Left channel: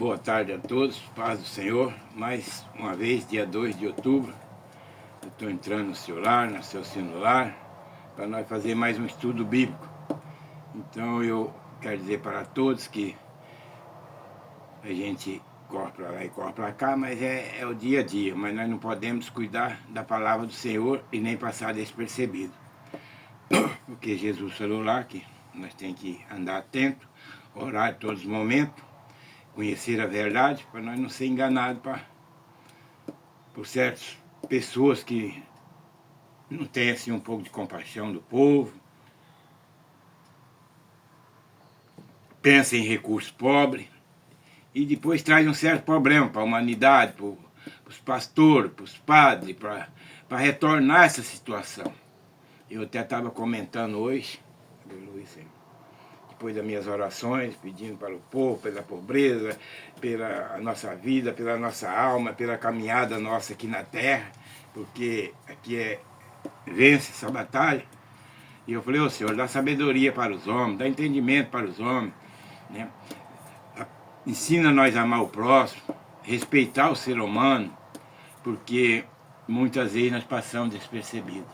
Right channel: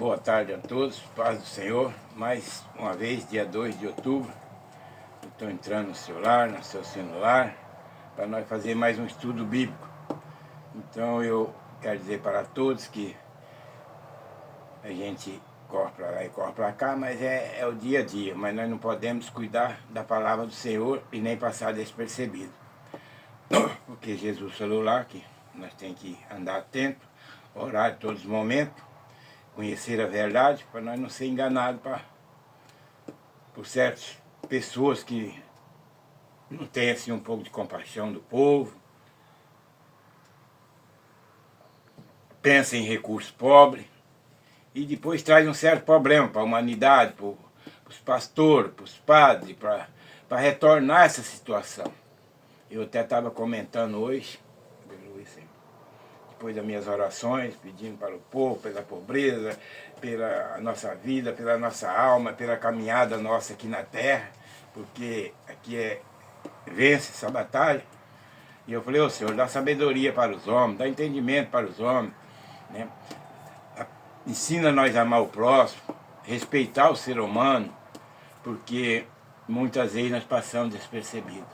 Boa tarde a todos, paz do Senhor. Mais uma vez, dia 2 de outubro, eu estou entrando no celular, no seu celular, para nós fazer mais um estudo bíblico. Então eu quero dizer para todos que a gente corre para lá e corre para cá, mas é o dia a dia, mas nós não podemos descuidar da palavra do Senhor e nem passar despercebido. Porque Jesus falou lá que nós temos que andar atento, orar em todos os momentos, conhecer a verdade, para nós não ser enganados por certas pessoas que não têm assim um pouco de compaixão do povo, pensam em recursos pobres e depois traz um certo problema para a humanidade, para os pastores, para os padres, para retornar essa situação. Eu até estava comentando hoje, depois das minhas orações, pedindo para o povo, pela pobreza, pela nossa vida, pela nossa alma, pela caminhada nossa aqui na terra, porque aqui vence essa batalha. E eu falei, ô Senhor, dá sabedoria para os homens, dá entendimento para os homens, né? Ensina nós a amar o próximo, respeitar o ser humano, porque muitas vezes nós passamos despercebidos.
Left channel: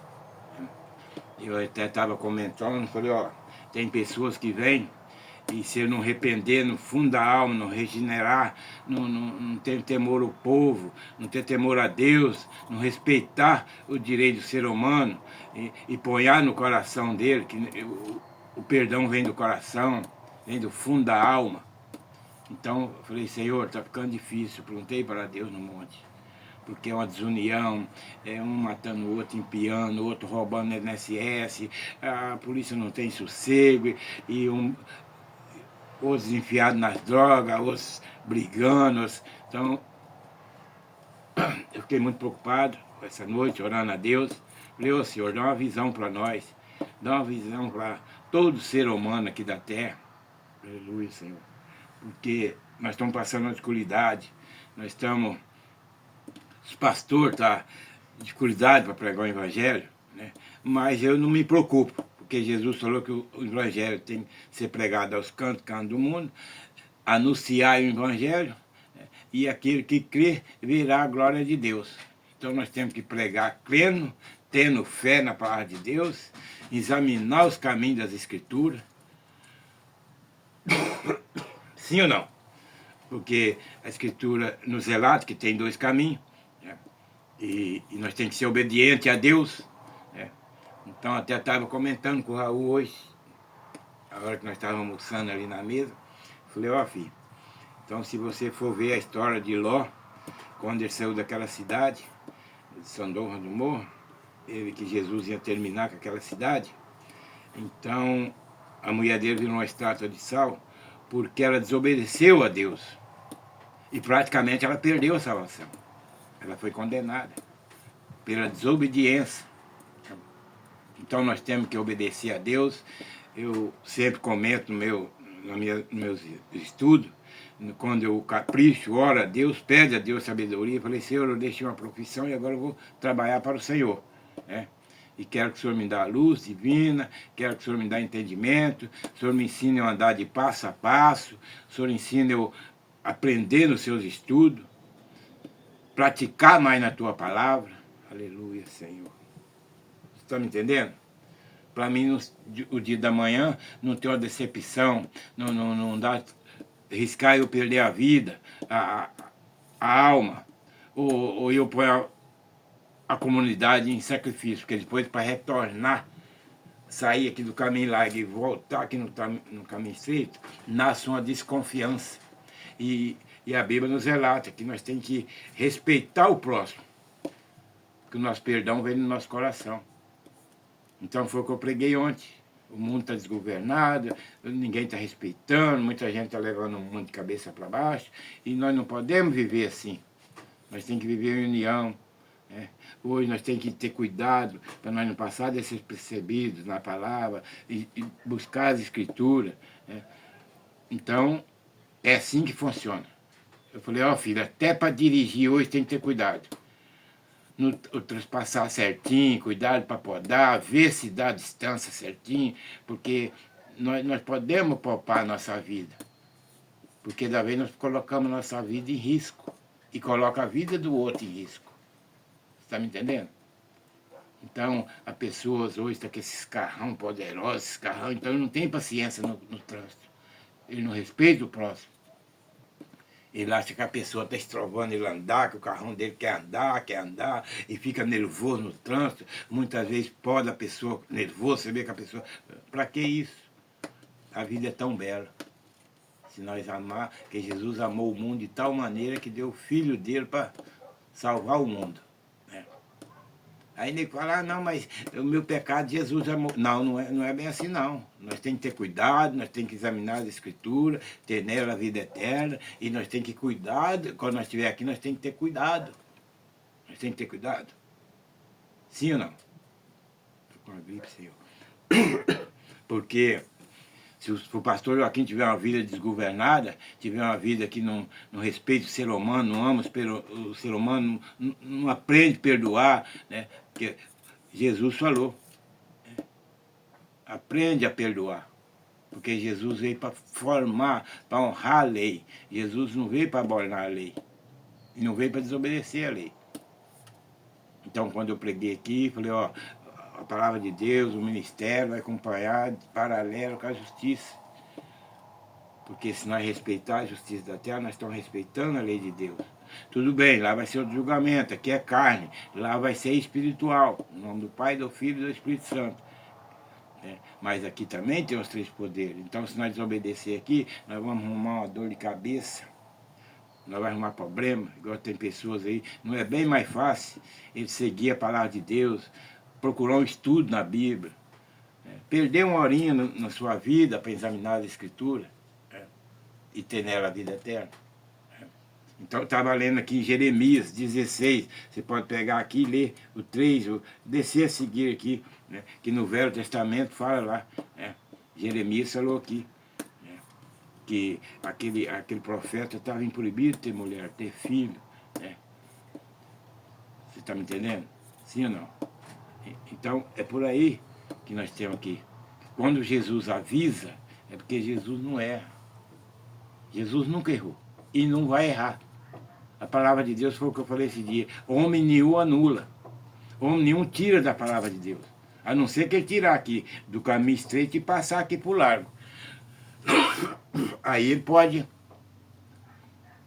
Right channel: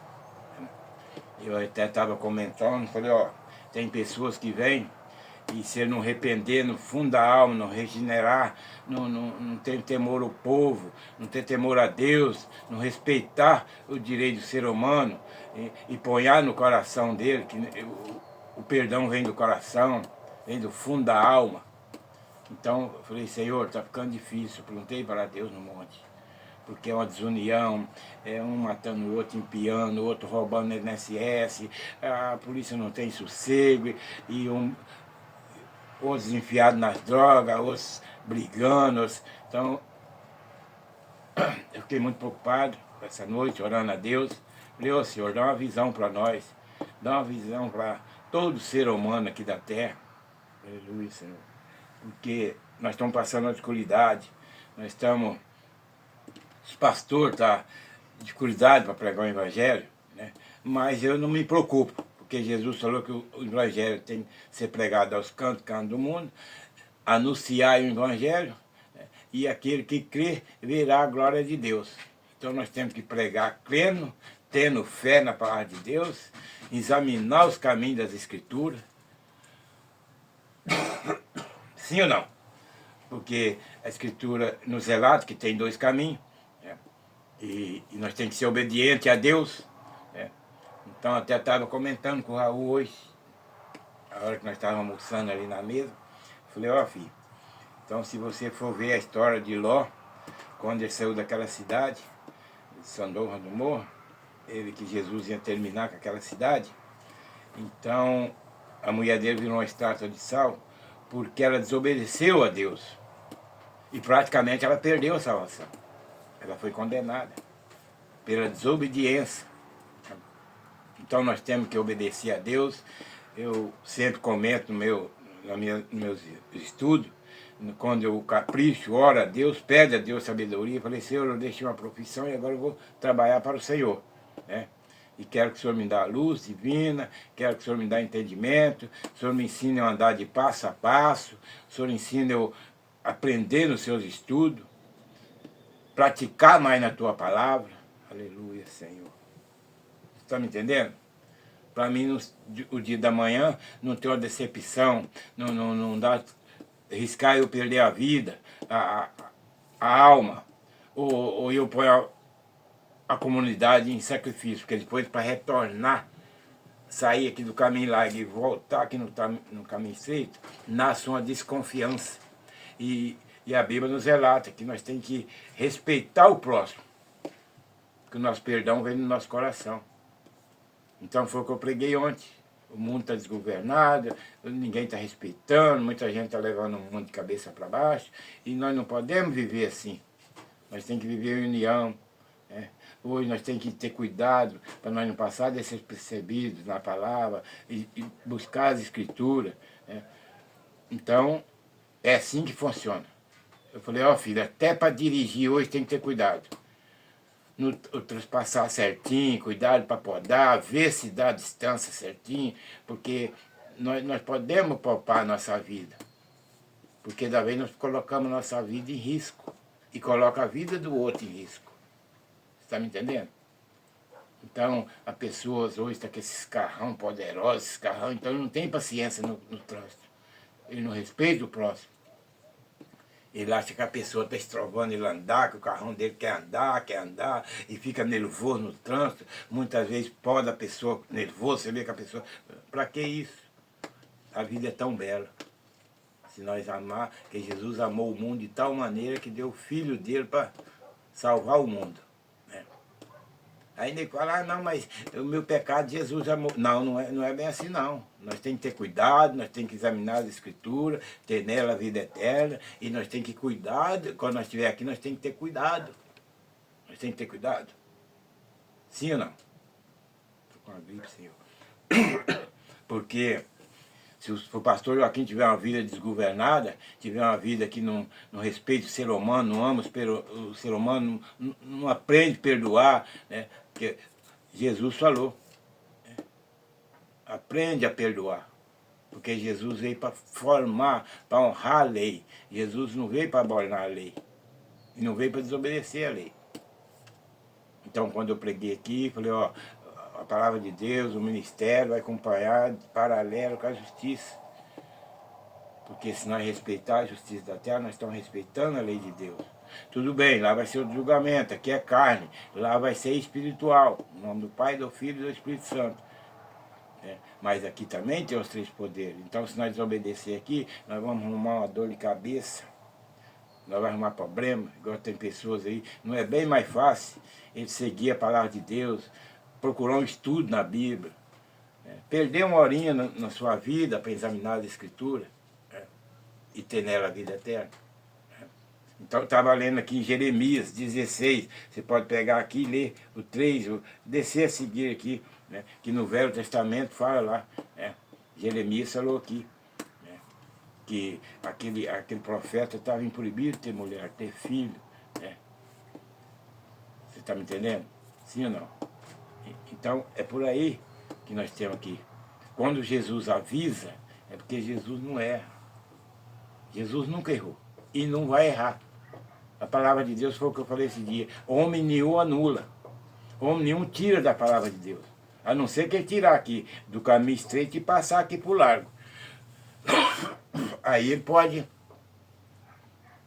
Eu até estava comentando, falei, ó, tem pessoas que vêm e se eu não arrepender no fundo da alma, não regenerar, não ter temor ao povo, não ter temor a Deus, não respeitar o direito do ser humano e ponhar no coração dele, que o perdão vem do coração, vem do fundo da alma. Então eu falei, Senhor, está ficando difícil, eu perguntei para Deus no monte, porque é uma desunião, é um matando o outro, empiando, o outro roubando no INSS, a polícia não tem sossego, e outros enfiados nas drogas, outros brigando. Então, eu fiquei muito preocupado essa noite, orando a Deus. Falei, ô Senhor, dá uma visão para nós, dá uma visão para todo ser humano aqui da terra. Aleluia, Senhor. Porque nós estamos passando uma dificuldade, nós estamos... Os pastores estão em dificuldade para pregar o Evangelho, né? Mas eu não me preocupo, porque Jesus falou que o Evangelho tem que ser pregado aos cantos do mundo, anunciar o Evangelho, né? E aquele que crê verá a glória de Deus. Então nós temos que pregar crendo, tendo fé na palavra de Deus, examinar os caminhos das Escrituras. Sim ou não? Porque a Escritura nos relata que tem dois caminhos, né? E nós temos que ser obedientes a Deus, né? Então até estava comentando com o Raul hoje, a hora que nós estávamos almoçando ali na mesa, falei, ó filho, então se você for ver a história de Ló, quando ele saiu daquela cidade, de Sodoma do Morro, ele que Jesus ia terminar com aquela cidade, então a mulher dele virou uma estátua de sal, porque ela desobedeceu a Deus. E praticamente ela perdeu a salvação. Ela foi condenada pela desobediência. Então nós temos que obedecer a Deus. Eu sempre comento nos meus estudos, quando eu capricho, oro a Deus, pede a Deus sabedoria, falei, Senhor, eu deixei uma profissão e agora eu vou trabalhar para o Senhor, né? E quero que o Senhor me dê a luz divina, quero que o Senhor me dê entendimento, o Senhor me ensine a andar de passo a passo, o Senhor ensine eu a aprender nos seus estudos, praticar mais na Tua palavra. Aleluia, Senhor. Você está me entendendo? Para mim, o dia da manhã, não ter uma decepção, não dá, arriscar eu perder a vida, a alma, ou eu pôr a comunidade em sacrifício, porque depois para retornar, sair aqui do caminho largo e voltar aqui no caminho estreito, nasce uma desconfiança. E a Bíblia nos relata que nós temos que respeitar o próximo, que o nosso perdão vem no nosso coração. Então foi o que eu preguei ontem. O mundo está desgovernado, ninguém está respeitando, muita gente está levando o mundo de cabeça para baixo, e nós não podemos viver assim. Nós temos que viver em união, né? Hoje nós temos que ter cuidado para nós não passar despercebidos na palavra e buscar as Escrituras, né? Então, é assim que funciona. Eu falei, ó filho, até para dirigir hoje tem que ter cuidado. No transpassar certinho, cuidado para podar, ver se dá a distância certinho, porque nós podemos poupar a nossa vida. Porque da vez nós colocamos nossa vida em risco. E coloca a vida do outro em risco. Você está me entendendo? Então, as pessoas hoje estão com esses carrão poderosos, esses carrão, então ele não tem paciência no trânsito. Ele não respeita o próximo. Ele acha que a pessoa está estrovando ele andar, que o carrão dele quer andar, e fica nervoso no trânsito. Muitas vezes pode a pessoa nervosa, você vê que a pessoa... Para que isso? A vida é tão bela. Se nós amar, que Jesus amou o mundo de tal maneira que deu o Filho dele para salvar o mundo. Né? Aí ele fala, não, mas o meu pecado Jesus amou. Não, não é bem assim não. Nós temos que ter cuidado, nós temos que examinar as escrituras, ter nela a vida eterna, e nós temos que cuidar, quando nós estiver aqui, nós temos que ter cuidado. Nós temos que ter cuidado. Sim ou não? Estou com uma gripe, senhor. Porque se o pastor Joaquim tiver uma vida desgovernada, tiver uma vida que não respeita o ser humano, não ama o ser humano, não aprende a perdoar, né? Porque Jesus falou, né? Aprende a perdoar. Porque Jesus veio para formar, para honrar a lei. Jesus não veio para abornar a lei. E não veio para desobedecer a lei. Então, quando eu preguei aqui, falei, ó, a palavra de Deus, o ministério vai acompanhar paralelo com a justiça. Porque se nós respeitar a justiça da terra, nós estamos respeitando a lei de Deus. Tudo bem, lá vai ser o julgamento, aqui é carne, lá vai ser espiritual, em nome do Pai, do Filho e do Espírito Santo. Mas aqui também tem os três poderes. Então, se nós desobedecer aqui, nós vamos arrumar uma dor de cabeça, nós vamos arrumar problema, igual tem pessoas aí. Não é bem mais fácil ele seguir a palavra de Deus, procurar um estudo na Bíblia, perder uma horinha na sua vida para examinar a Escritura, e ter nela a vida eterna. Então, eu estava lendo aqui em Jeremias 16, você pode pegar aqui e ler o 3, descer a seguir aqui, né, que no Velho Testamento fala lá, né, Jeremias falou aqui, né, que aquele profeta estava proibido ter mulher, ter filho. Né. Você está me entendendo? Sim ou não? Então, é por aí que nós temos aqui. Quando Jesus avisa, é porque Jesus não erra. Jesus nunca errou e não vai errar. A palavra de Deus foi o que eu falei esse dia. Homem nenhum anula. Homem nenhum tira da palavra de Deus. A não ser que ele tirar aqui do caminho estreito e passar aqui por largo. Aí ele pode...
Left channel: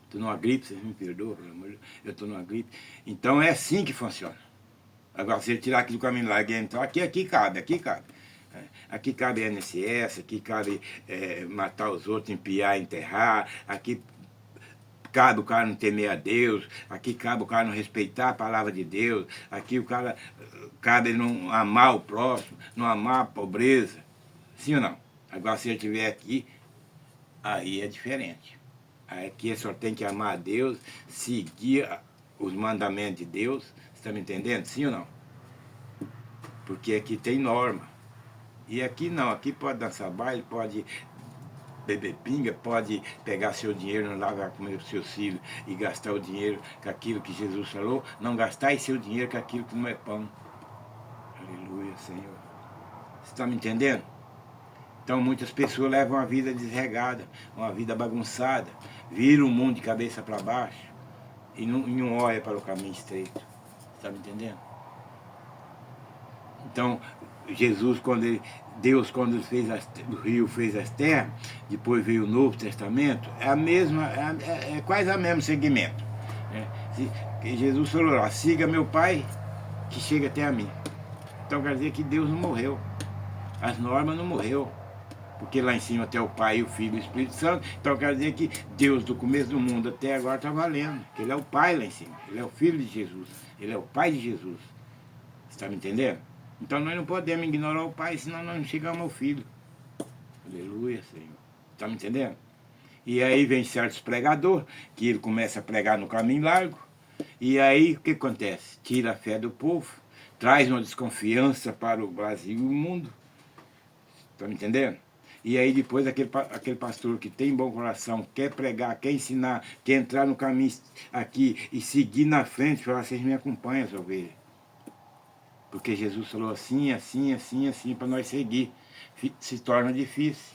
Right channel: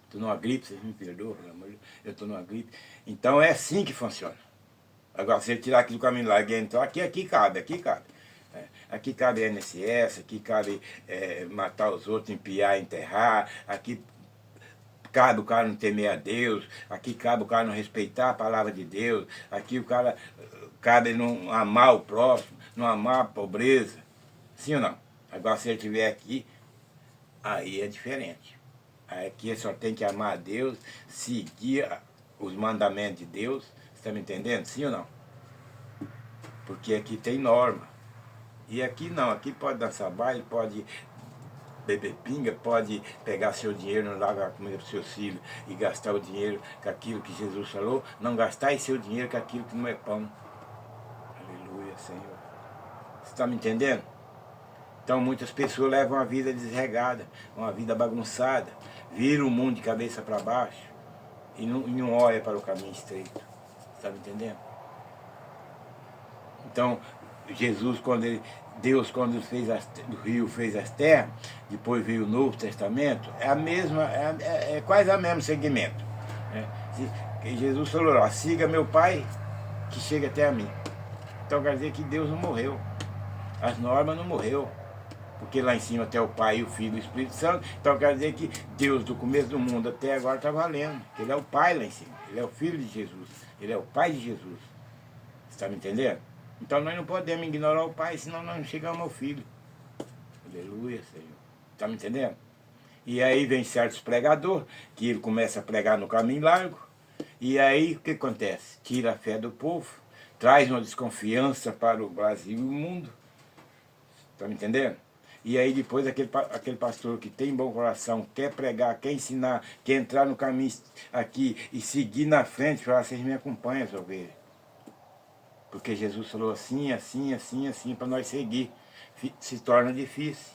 Estou numa gripe, vocês me perdoam, pelo amor de Deus. Eu estou numa gripe. Então é assim que funciona. Agora, se ele tirar aqui do caminho largo e entrar, aqui cabe, aqui cabe. Aqui cabe INSS, aqui cabe matar os outros, empiar, enterrar, aqui cabe o cara não temer a Deus, aqui cabe o cara não respeitar a palavra de Deus, aqui o cara cabe não amar o próximo, não amar a pobreza. Sim ou não? Agora, se ele estiver aqui, aí é diferente. Aqui ele só tem que amar a Deus, seguir os mandamentos de Deus. Você está me entendendo? Sim ou não? Porque aqui tem norma. E aqui não, aqui pode dançar baile, pode beber pinga, pode pegar seu dinheiro lá, vai comer os seus filhos e gastar o dinheiro com aquilo que Jesus falou, não gastar seu dinheiro com aquilo que não é pão. Aleluia, Senhor. Você está me entendendo? Então muitas pessoas levam uma vida desregada, uma vida bagunçada, viram o mundo de cabeça para baixo e não olha para o caminho estreito. Você está me entendendo? Então, Jesus, Deus, quando fez o rio, fez as terras, depois veio o Novo Testamento, é a mesma, é quase o mesmo segmento. Né? Jesus falou, ó, siga meu Pai, que chega até a mim. Então quer dizer que Deus não morreu, as normas não morreu, porque lá em cima até o Pai, o Filho e o Espírito Santo, então quer dizer que Deus do começo do mundo até agora está valendo, que Ele é o Pai lá em cima, Ele é o Filho de Jesus, Ele é o Pai de Jesus. Você está me entendendo? Então nós não podemos ignorar o Pai, senão nós não chegamos ao Filho. Aleluia, Senhor. Está me entendendo? E aí vem certos pregadores, que ele começa a pregar no caminho largo, e aí o que acontece? Tira a fé do povo, traz uma desconfiança para o Brasil e o mundo. Está me entendendo? E aí depois aquele pastor que tem bom coração, quer pregar, quer ensinar, quer entrar no caminho aqui e seguir na frente, falar, vocês me acompanham, essa ovelha. Porque Jesus falou assim, assim, assim, assim, para nós seguir. Se torna difícil.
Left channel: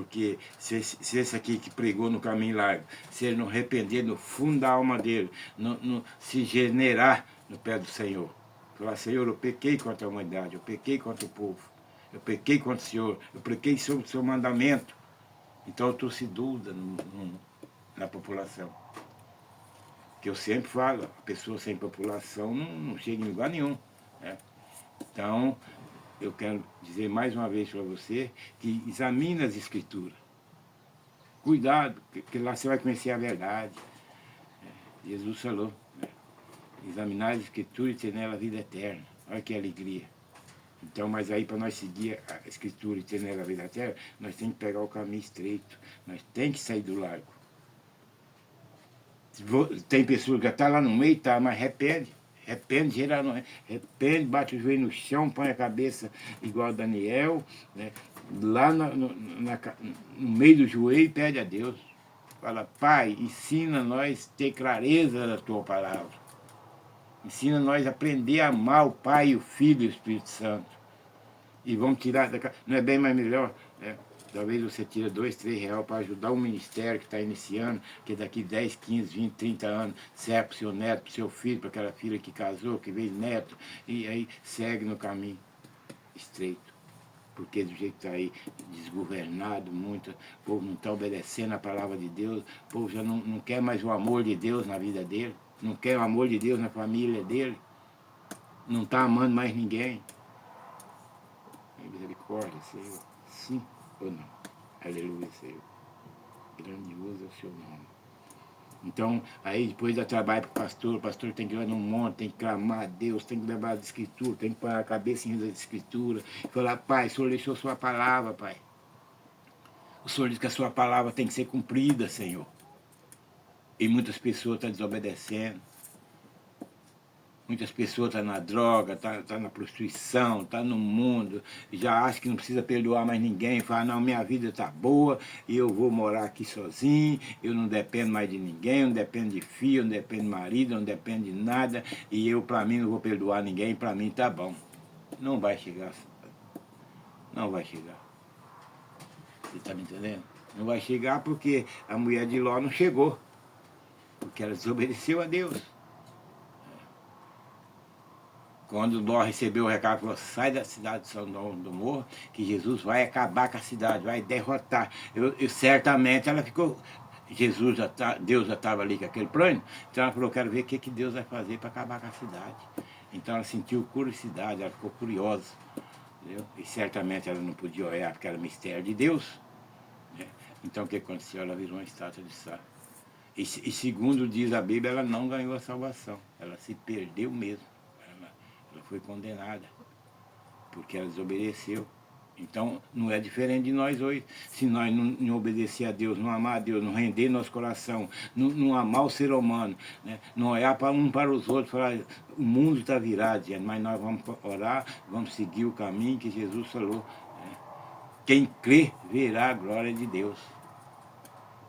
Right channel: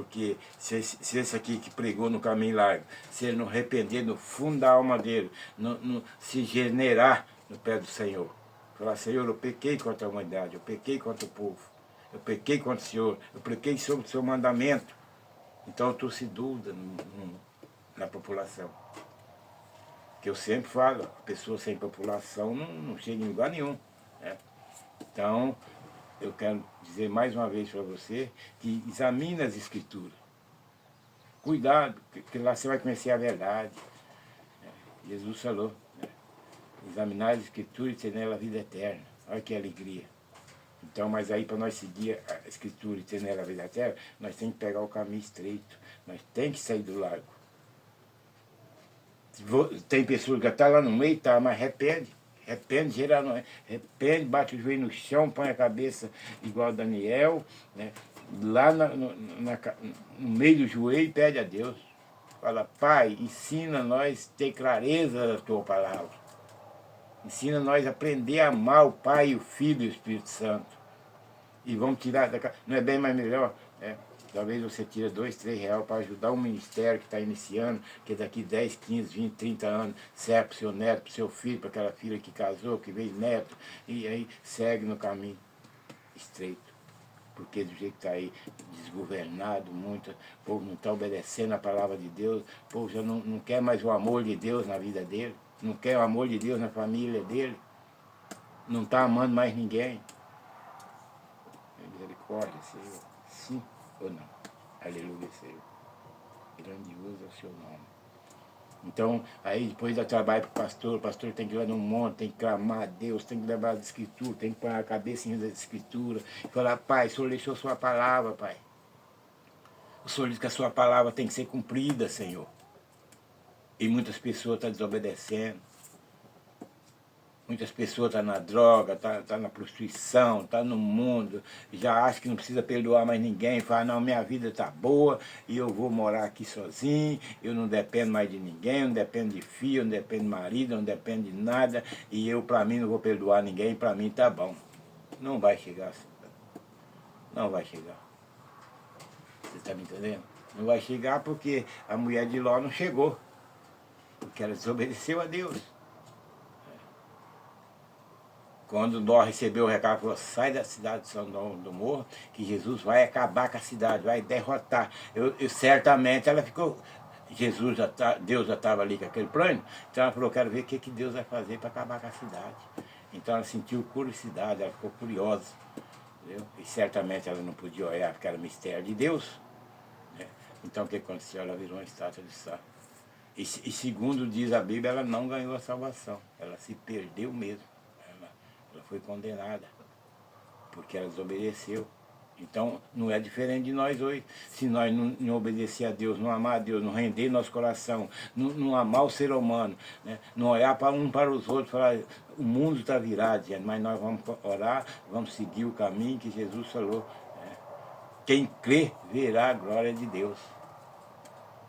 Porque se esse aqui que pregou no caminho largo, se ele não arrepender no fundo da alma dele, não se generar no pé do Senhor, falar, Senhor, eu pequei contra a humanidade, eu pequei contra o povo, eu pequei contra o Senhor, eu pequei sobre o seu mandamento. Então eu trouxe dúvida na população. Que eu sempre falo, a pessoa sem população não chega em lugar nenhum. Né? Então, eu quero dizer mais uma vez para você que examine as escrituras. Cuidado, porque lá você vai conhecer a verdade. Jesus falou, né? Examinar as escrituras e ter nela a vida eterna. Olha que alegria. Então, mas aí para nós seguir a escritura e ter nela a vida eterna, nós temos que pegar o caminho estreito. Nós temos que sair do largo. Tem pessoas que estão lá no meio, tá, mas arrepende, geral, arrepende, bate o joelho no chão, põe a cabeça igual Daniel, né? Lá no meio do joelho e pede a Deus. Fala, Pai, ensina nós a ter clareza da tua palavra. Ensina nós a aprender a amar o Pai, o Filho e o Espírito Santo. E vamos tirar da casa. Não é bem mais melhor, né? Talvez você tire R$2, R$3 para ajudar um ministério que está iniciando, que daqui 10, 15, 20, 30 anos serve para o seu neto, para o seu filho, para aquela filha que casou, que veio neto, e aí segue no caminho estreito. Porque do jeito que está aí desgovernado, o povo não está obedecendo a palavra de Deus, o povo já não quer mais o amor de Deus na vida dele, não quer o amor de Deus na família dele, não está amando mais ninguém. Misericórdia, Senhor. Sim ou não? Aleluia, Senhor. Grandioso é o seu nome. Então, aí depois dá trabalho para o pastor tem que ir lá no monte, tem que clamar a Deus, tem que levar as escrituras, tem que pôr a cabeça em das escrituras, e falar, Pai, o Senhor deixou sua palavra, Pai. O Senhor diz que a sua palavra tem que ser cumprida, Senhor. E muitas pessoas estão desobedecendo. Muitas pessoas estão na droga, tá na prostituição, tá no mundo, já acham que não precisa perdoar mais ninguém, fala, não, minha vida está boa, e eu vou morar aqui sozinho, eu não dependo mais de ninguém, eu não dependo de filho, eu não dependo de marido, eu não dependo de nada, e eu, para mim, não vou perdoar ninguém, para mim tá bom. Não vai chegar. Não vai chegar. Você está me entendendo? Não vai chegar porque a mulher de Ló não chegou, porque ela desobedeceu a Deus. Quando Ló recebeu o recado, falou, sai da cidade de Sodoma do Morro, que Jesus vai acabar com a cidade, vai derrotar. Certamente ela ficou, Deus já estava ali com aquele plano, então ela falou, quero ver o que Deus vai fazer para acabar com a cidade. Então ela sentiu curiosidade, ela ficou curiosa. Entendeu? E certamente ela não podia olhar porque era mistério de Deus. Né? Então o que aconteceu? Ela virou uma estátua de sal. E segundo diz a Bíblia, ela não ganhou a salvação, ela se perdeu mesmo. Ela foi condenada, porque ela desobedeceu. Então, não é diferente de nós hoje. Se nós não obedecer a Deus, não amar a Deus, não render nosso coração, não amar o ser humano, né? Não olhar para um para os outros, falar, o mundo está virado, gente, mas nós vamos orar, vamos seguir o caminho que Jesus falou. Né? Quem crê, verá a glória de Deus.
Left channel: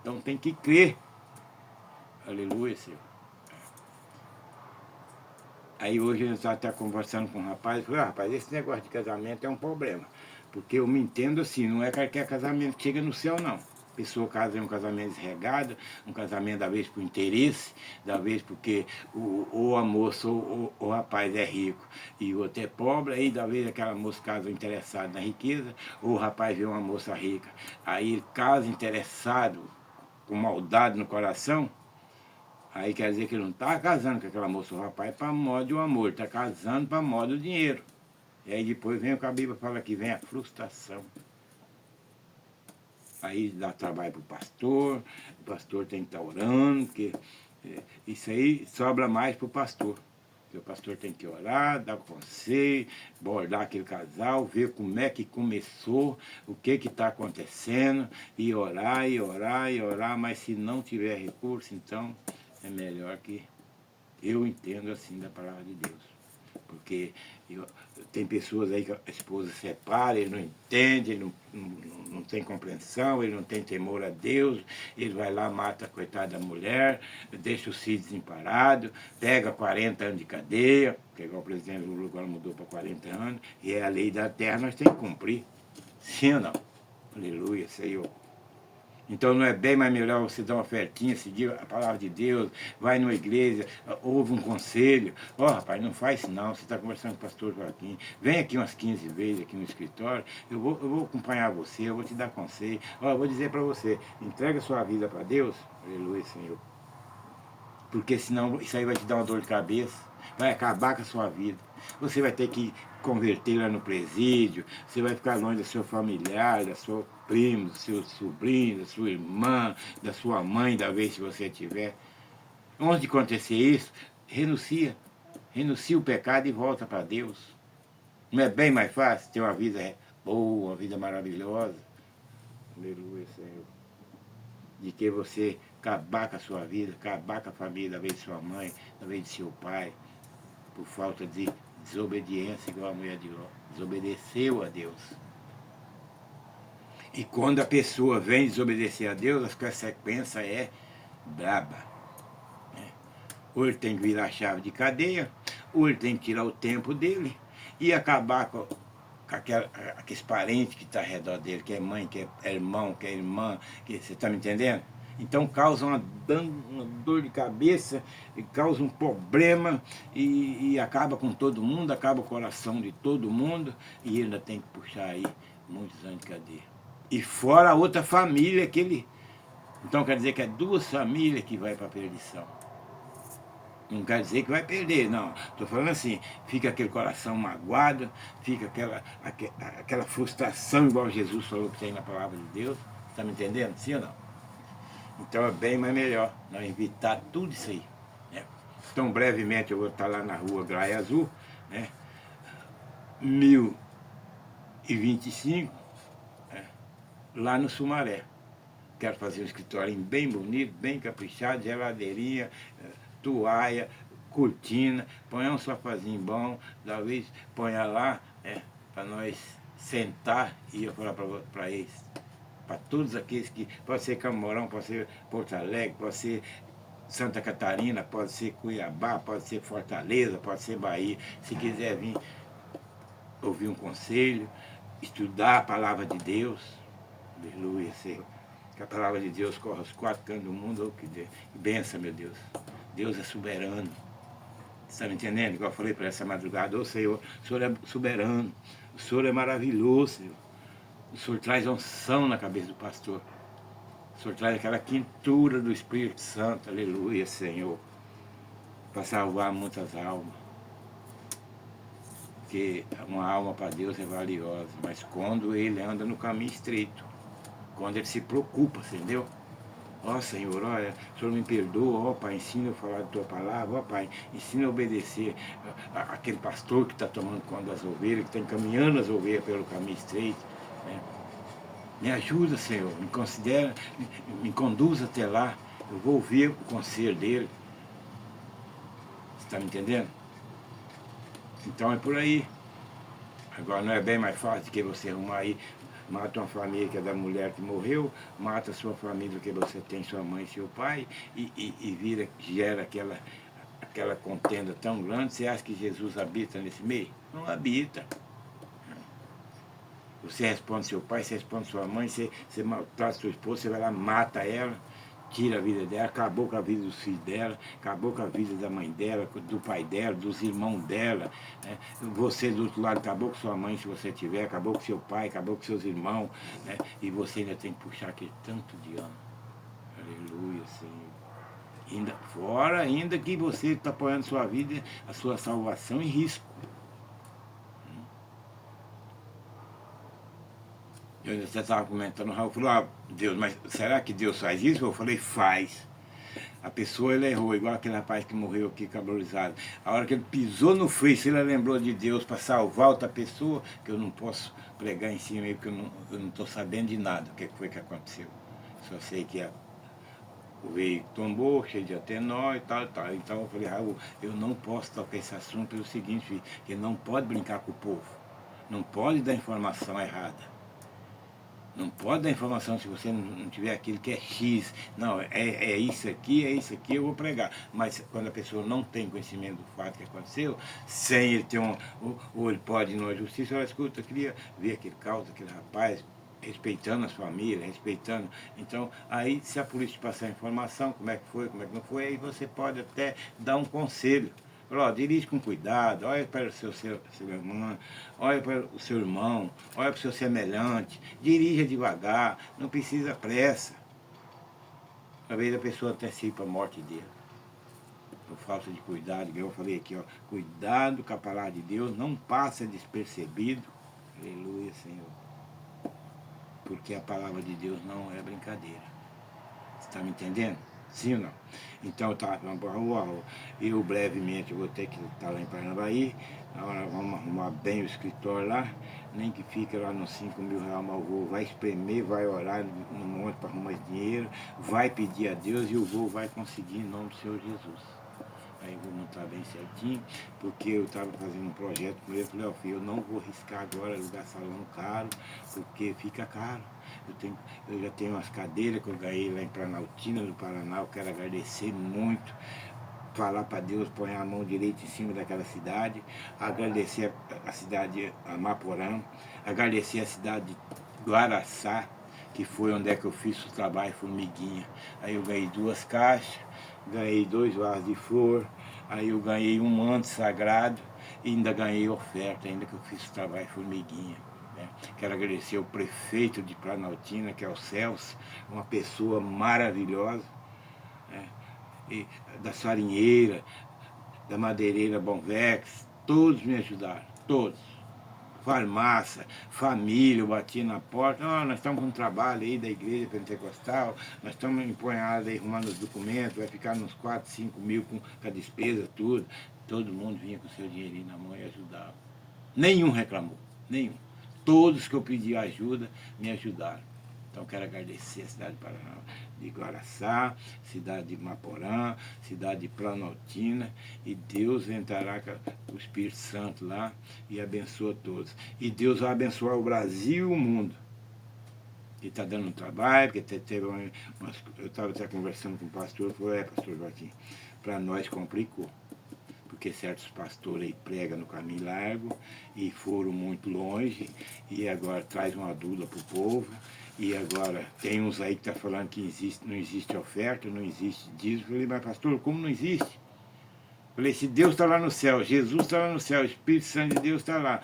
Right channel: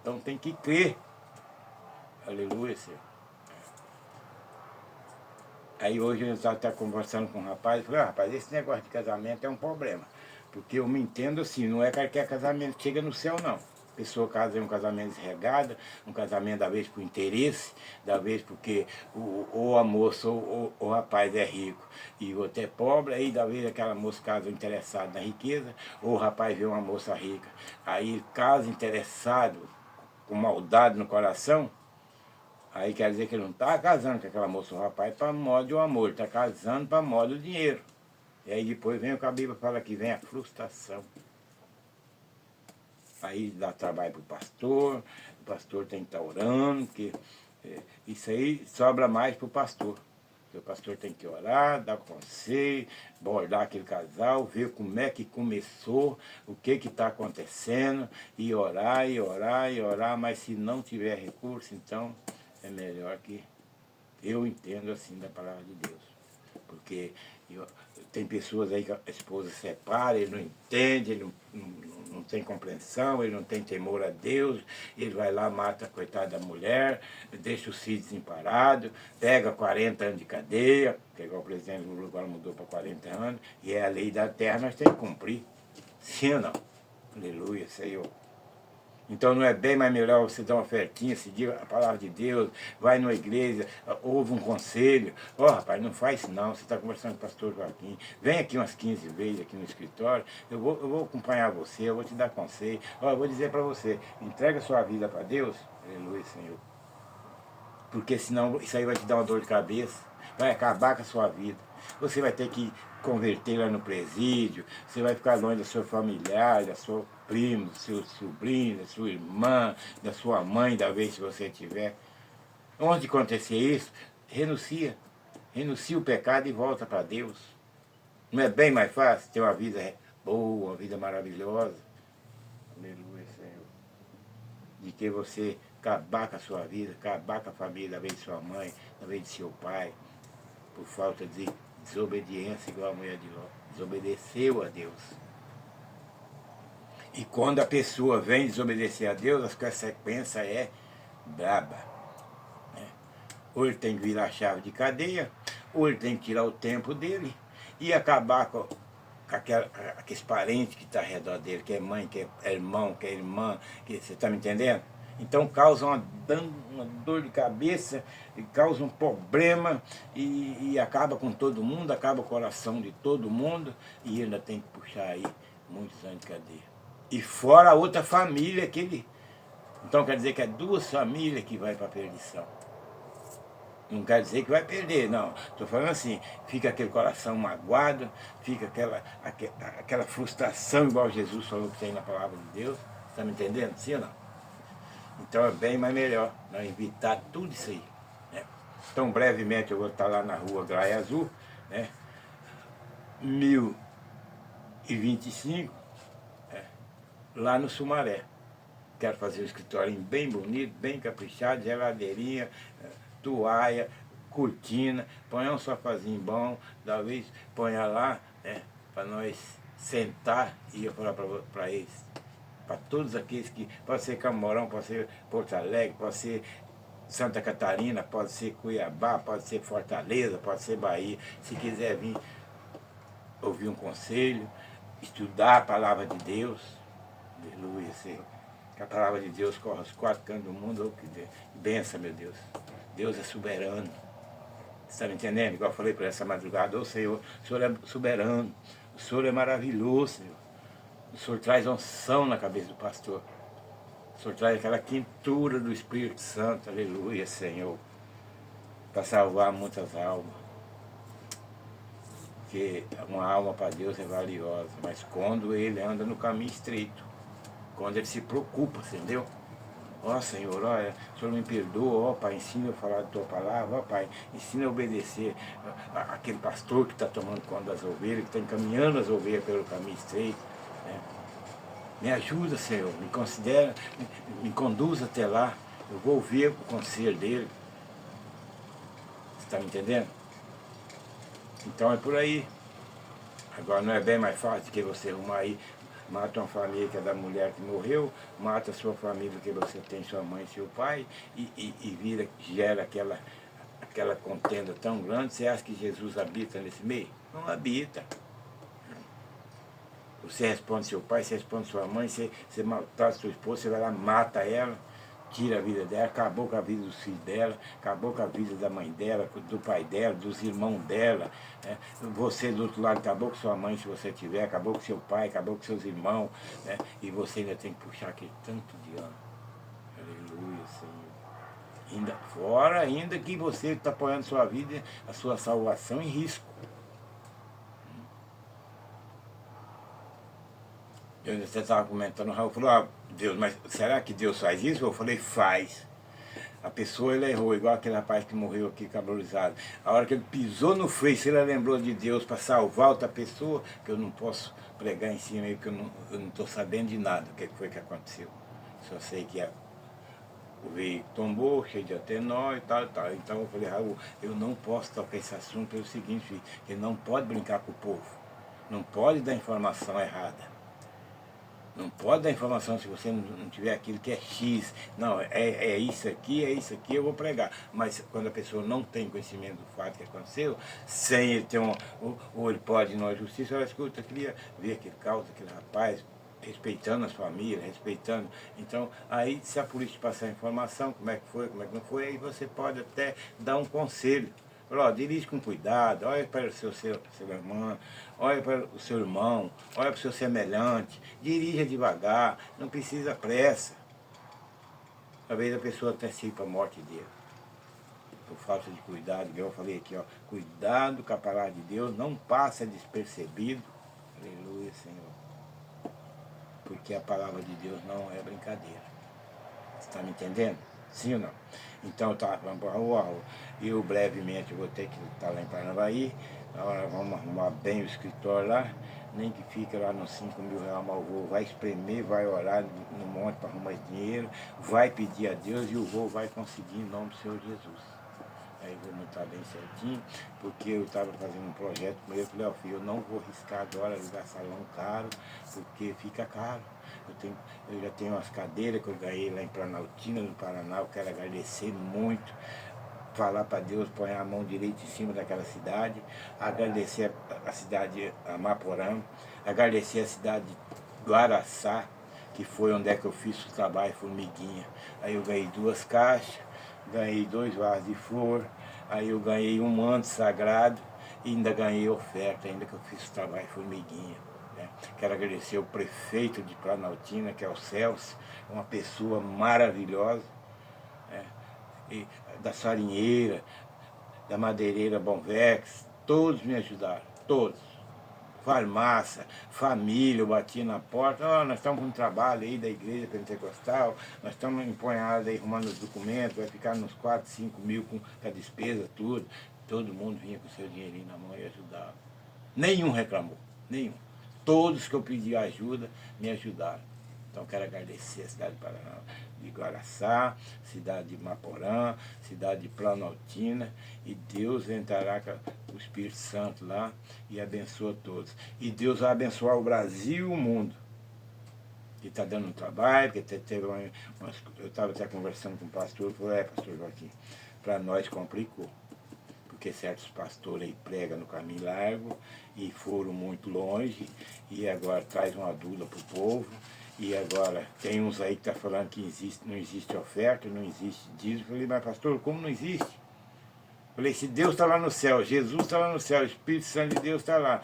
Então, tem que crer. Aleluia, Senhor. Aí hoje eu estava conversando com um rapaz, falei, rapaz, esse negócio de casamento é um problema. Porque eu me entendo assim, não é qualquer casamento que chega no céu, não. A pessoa casa em um casamento desregado, um casamento da vez por interesse, da vez porque ou a moça ou o rapaz é rico e o outro é pobre, aí da vez aquela moça casa interessada na riqueza, ou o rapaz vê uma moça rica. Aí ele casa interessado, com maldade no coração, aí quer dizer que ele não está casando com aquela moça, o rapaz, para modo de amor, ele está casando para modo de dinheiro. E aí depois vem o que a Bíblia fala que vem a frustração. Aí dá trabalho para o pastor tem que estar orando, porque isso aí sobra mais para o pastor. Porque o pastor tem que orar, dar conselho, abordar aquele casal, ver como é que começou, o que está acontecendo, e orar, e orar, e orar, mas se não tiver recurso, então é melhor que eu entendo assim da palavra de Deus. Porque tem pessoas aí que a esposa separa, ele não entende, ele não tem compreensão, ele não tem temor a Deus, ele vai lá, mata a coitada da mulher, deixa os filhos desamparados, pega 40 anos de cadeia, que é igual o presidente Lula agora mudou para 40 anos, e é a lei da terra, nós temos que cumprir. Sim ou não? Aleluia, Senhor. Então não é bem mais melhor você dar uma ofertinha, seguir a palavra de Deus, vai numa igreja, ouve um conselho. Ó, rapaz, não faz isso não, você está conversando com o pastor Joaquim, vem aqui umas 15 vezes aqui no escritório, eu vou acompanhar você, eu vou te dar conselho. Ó, eu vou dizer para você, entrega a sua vida para Deus, aleluia, Senhor. Porque senão isso aí vai te dar uma dor de cabeça, vai acabar com a sua vida. Você vai ter que converter lá no presídio, você vai ficar longe do seu familiar, da sua primo, do seu sobrinho, da sua irmã, da sua mãe, da vez que você tiver. Onde acontecer isso, renuncia. Renuncia o pecado e volta para Deus. Não é bem mais fácil ter uma vida boa, uma vida maravilhosa? Aleluia, Senhor. De que você acabar com a sua vida, acabar com a família, da vez de sua mãe, da vez de seu pai, por falta de desobediência, igual a mulher de Ló. Desobedeceu a Deus. E quando a pessoa vem desobedecer a Deus, a consequência é braba. Né? Ou ele tem que virar a chave de cadeia, ou ele tem que tirar o tempo dele e acabar com aqueles parentes que estão ao redor dele, que é mãe, que é irmão, que é irmã, que, você está me entendendo? Então causa uma dor de cabeça, e causa um problema e acaba com todo mundo, acaba com o coração de todo mundo e ainda tem que puxar aí muitos anos de cadeia. E fora a outra família que ele... Então quer dizer que é duas famílias que vai para a perdição. Não quer dizer que vai perder, não. Estou falando assim, fica aquele coração magoado, fica aquela frustração, igual Jesus falou que tem na palavra de Deus. Está me entendendo? Sim ou não? Então é bem mais melhor nós evitar tudo isso aí. Né? Então brevemente eu vou estar lá na rua Graia Azul, né? 1025, né? Lá no Sumaré. Quero fazer um escritório bem bonito, bem caprichado, geladeirinha, toalha, cortina, põe um sofazinho bom, da vez ponha lá, né, para nós sentar, e eu falar para eles, para todos aqueles que, pode ser Camorão, pode ser Porto Alegre, pode ser Santa Catarina, pode ser Cuiabá, pode ser Fortaleza, pode ser Bahia, se quiser vir ouvir um conselho, estudar a palavra de Deus, aleluia, Senhor. Que a palavra de Deus corre aos quatro cantos do mundo, oh, que benção, meu Deus. Deus é soberano. Você está me entendendo? Igual eu falei por essa madrugada, ô Senhor, o Senhor é soberano, o Senhor é maravilhoso, Senhor. O Senhor traz unção na cabeça do pastor. O Senhor traz aquela quentura do Espírito Santo, aleluia, Senhor, para salvar muitas almas. Porque uma alma para Deus é valiosa, mas quando ele anda no caminho estreito, quando ele se preocupa, entendeu? Ó Senhor, olha, o Senhor me perdoa, ó Pai, ensina eu a falar da tua palavra, ó Pai, ensina a obedecer aquele pastor que está tomando conta das ovelhas, que está encaminhando as ovelhas pelo caminho estreito. Né? Me ajuda, Senhor, me considera, me conduz até lá, eu vou ouvir o conselho dele. Você está me entendendo? Então é por aí. Agora não é bem mais fácil que você arrumar aí, mata uma família que é da mulher que morreu, mata a sua família que você tem, sua mãe e seu pai, e gera aquela contenda tão grande. Você acha que Jesus habita nesse meio? Não habita. Você responde seu pai, você responde sua mãe, você maltrata sua esposa, você vai lá, mata ela, tira a vida dela, acabou com a vida dos filhos dela, acabou com a vida da mãe dela, do pai dela, dos irmãos dela. Né? Você do outro lado acabou com sua mãe, se você tiver, acabou com seu pai, acabou com seus irmãos, né? E você ainda tem que puxar aquele tanto de ano. Aleluia, Senhor. Ainda que você está apoiando sua vida, a sua salvação em risco. Você estava comentando, o Raul falou, ah, Deus, mas será que Deus faz isso? Eu falei, faz. A pessoa, ele errou, igual aquele rapaz que morreu aqui, cabulizado. A hora que ele pisou no freio, se ele lembrou de Deus para salvar outra pessoa, que eu não posso pregar em cima aí, porque eu não estou sabendo de nada, o que foi que aconteceu. Só sei que o veículo tombou, cheio de atenó e tal, e tal. Então eu falei, Raul, eu não posso tocar esse assunto pelo seguinte, que não pode brincar com o povo. Não pode dar informação errada. Não pode dar informação se você não tiver aquilo que é X. Não, é isso aqui, eu vou pregar. Mas quando a pessoa não tem conhecimento do fato que aconteceu, sem ele ter ou ele pode ir numa justiça, ela escuta, eu queria ver aquele caso, aquele rapaz, respeitando as famílias, respeitando. Então, aí se a polícia passar informação, como é que foi, como é que não foi, aí você pode até dar um conselho. Falar, ó, dirige com cuidado, olha para o seu irmão, olha para o seu irmão, olha para o seu semelhante, dirija devagar, não precisa pressa. Às vezes a pessoa antecipa a morte dele. Por falta de cuidado, igual eu falei aqui, ó, cuidado com a palavra de Deus, não passa despercebido. Aleluia, Senhor. Porque a palavra de Deus não é brincadeira. Você está me entendendo? Sim ou não? Então, tá, eu brevemente vou ter que estar lá em Paranavaí, agora vamos arrumar bem o escritório lá, nem que fique lá nos 5 mil reais, mas o vô vai espremer, vai orar no monte para arrumar esse dinheiro, vai pedir a Deus e o vô vai conseguir em nome do Senhor Jesus. Aí vou montar bem certinho, porque eu estava fazendo um projeto com ele, eu falei, ó filho, eu não vou arriscar agora alugar salão caro, porque fica caro. Eu já tenho umas cadeiras que eu ganhei lá em Planaltina, no Paraná, eu quero agradecer muito, falar para Deus, pôr a mão direita em cima daquela cidade, agradecer a cidade de Amaporã, agradecer a cidade de Guaraçá, que foi onde é que eu fiz o trabalho formiguinha. Aí eu ganhei 2 caixas, ganhei 2 vasos de flor, aí eu ganhei um manto sagrado e ainda ganhei oferta, ainda que eu fiz o trabalho formiguinha. Né? Quero agradecer ao prefeito de Planaltina, que é o Celso, uma pessoa maravilhosa, né? E da Sarinheira, da Madeireira Bonvex, todos me ajudaram, todos. Farmácia, família, eu bati na porta, oh, nós estamos com um trabalho aí da igreja pentecostal, nós estamos empunhados aí arrumando os documentos, vai ficar uns 4, 5 mil com a despesa, tudo. Todo mundo vinha com seu dinheirinho na mão e ajudava. Nenhum reclamou, nenhum. Todos que eu pedi ajuda me ajudaram. Então quero agradecer a cidade de Guaraçá, cidade de Maporã, cidade de Planaltina, e Deus entrará com o Espírito Santo lá e abençoa todos. E Deus vai abençoar o Brasil e o mundo. E está dando um trabalho, porque teve eu estava até conversando com o pastor, falou, pastor Joaquim, para nós complicou. Porque certos pastores aí pregam no caminho largo e foram muito longe, e agora traz uma dúvida para o povo. E agora tem uns aí que estão falando que não existe oferta, não existe dízimo. Eu falei, mas pastor, como não existe? Eu falei, se Deus está lá no céu, Jesus está lá no céu, o Espírito Santo de Deus está lá.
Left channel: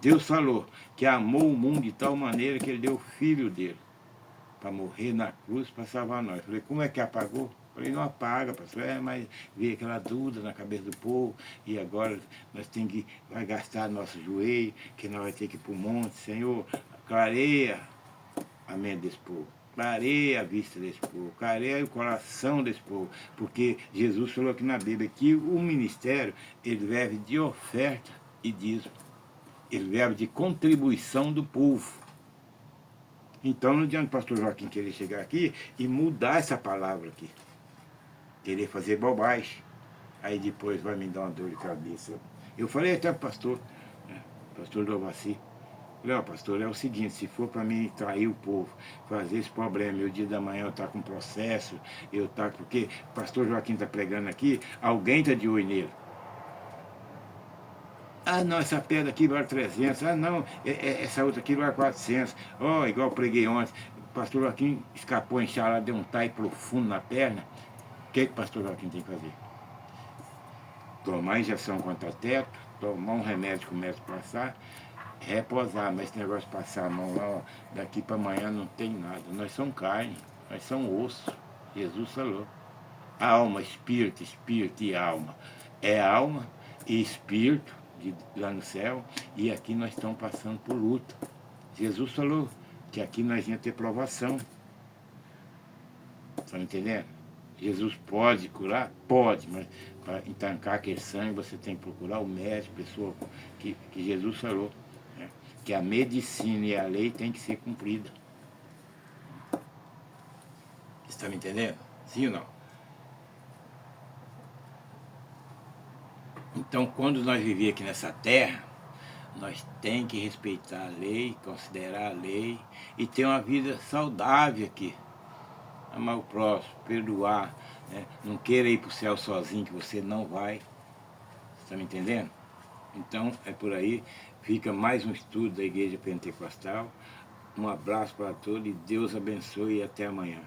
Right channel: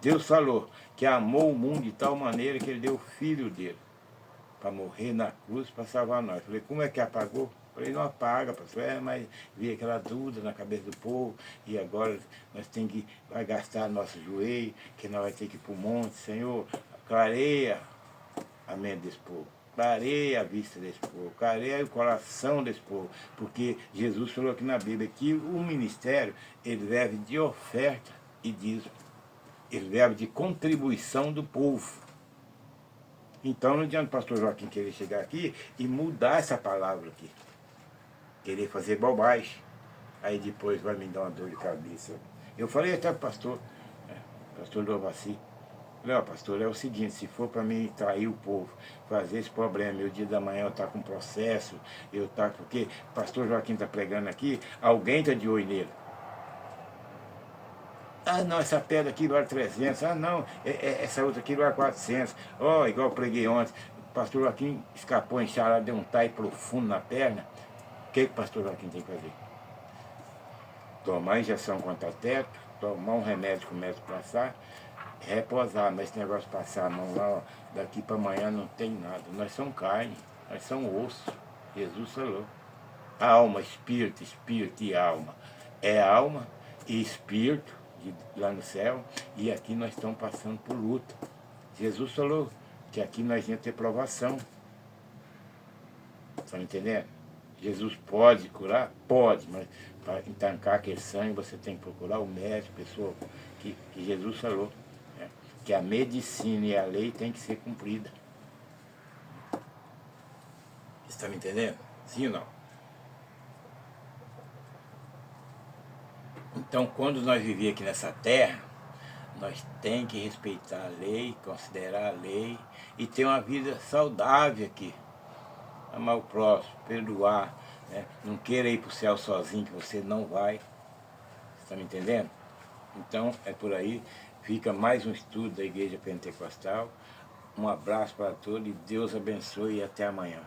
Deus falou que amou o mundo de tal maneira que ele deu o filho dele para morrer na cruz para salvar nós. Eu falei, como é que apagou? Eu falei, não apaga, pastor, mas veio aquela dúvida na cabeça do povo, e agora nós temos que, vai gastar nosso joelho, que nós vamos ter que ir para o monte, Senhor, clareia a mente desse povo, clareia a vista desse povo, clareia o coração desse povo, porque Jesus falou aqui na Bíblia que o ministério, ele deve de oferta e dízimo, ele deve de contribuição do povo. Então não adianta o pastor Joaquim querer chegar aqui e mudar essa palavra aqui, querer fazer bobagem, aí depois vai me dar uma dor de cabeça. Eu falei até para o pastor, né, pastor Dovassi, falei, ó, pastor, é o seguinte, se for para mim trair o povo, fazer esse problema, e o dia da manhã eu estar com processo, eu estar, porque o pastor Joaquim está pregando aqui, alguém está de olho nele. Ah, não, essa pedra aqui vale 300. Ah, não, essa outra aqui vale 400. Ó, oh, igual eu preguei ontem. O pastor Joaquim escapou, encharado, deu um tai profundo na perna. O que o pastor Joaquim tem que fazer? Tomar injeção contra teto, tomar um remédio que o médico passar, reposar. Mas esse negócio de passar a mão lá, ó, daqui para amanhã não tem nada. Nós somos carne, nós somos osso. Jesus falou. Alma, espírito e alma. É alma e espírito lá no céu, e aqui nós estamos passando por luta. Jesus falou que aqui nós íamos ter provação. Estão entendendo? Jesus pode curar? Pode, mas para entancar aquele sangue você tem que procurar o médico, pessoa que Jesus falou, né? Que a medicina e a lei tem que ser cumprida. Está me entendendo? Sim ou não? Então, quando nós vivemos aqui nessa terra, nós temos que respeitar a lei, considerar a lei e ter uma vida saudável aqui. Amar o próximo, perdoar, né? Não queira ir para o céu sozinho, que você não vai. Está me entendendo? Então, é por aí. Fica mais um estudo da Igreja Pentecostal. Um abraço para todos e Deus abençoe e até amanhã.